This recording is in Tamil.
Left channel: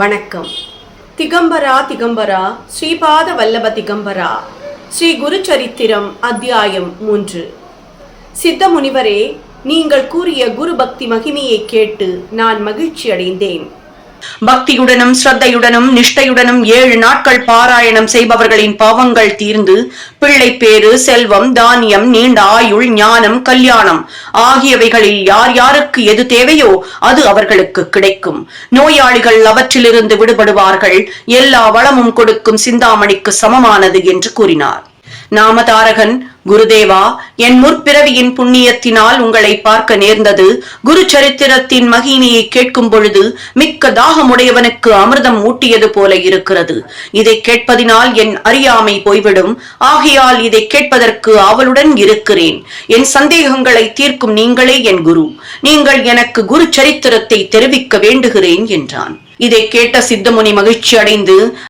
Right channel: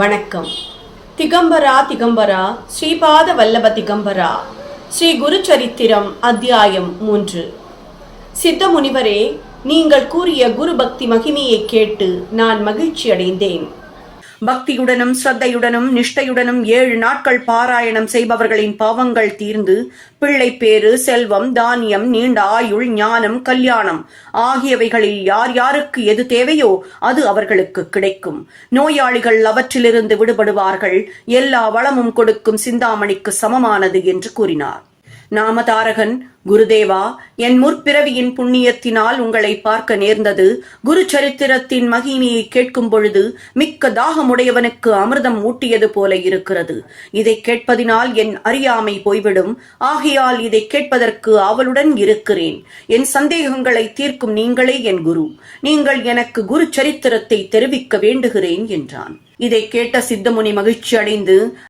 வணக்கம். திகம்பரா திகம்பரா ஸ்ரீபாத வல்லப திகம்பரா ஸ்ரீ குரு சரித்திரம் அத்தியாயம் 3. சித்த முனிவரே, நீங்கள் கூறிய குரு பக்தி மகிமையை கேட்டு நான் மகிழ்ச்சி அடைந்தேன். பக்தியுடனும் ஸ்ரத்தையுடனும் நிஷ்டையுடனும் 7 நாட்கள் பாராயணம் செய்பவர்களின் பாவங்கள் தீர்ந்து பிள்ளை பேறு, செல்வம், தானியம், நீண்ட ஆயுள், ஞானம், கல்யாணம் ஆகியவைகளில் யார் யாருக்கு எது தேவையோ அது அவர்களுக்கு கிடைக்கும். நோயாளிகள் அவற்றிலிருந்து விடுபடுவார்கள். எல்லா வளமும் கொடுக்கும் சிந்தாமணிக்கு சமமானது என்று கூறினார். நாமதாரகன், குருதேவா, என் முற்பிறவியின் புண்ணியத்தினால் உங்களை பார்க்க நேர்ந்தது. குரு சரித்திரத்தின் மகிமையை கேட்கும் பொழுது மிக்க தாகமுடையவனுக்கு அமிர்தம் ஊட்டியது போல இருக்கிறது. இதை கேட்பதினால் என் அறியாமை போய்விடும். ஆகையால் இதை கேட்பதற்கு ஆவலுடன் இருக்கிறேன். என் சந்தேகங்களை தீர்க்கும் நீங்களே என் குரு. நீங்கள் எனக்கு குரு சரித்திரத்தை தெரிவிக்க வேண்டுகிறேன் என்றான். இதை கேட்ட சித்தமுனி மகிழ்ச்சி அடைந்து,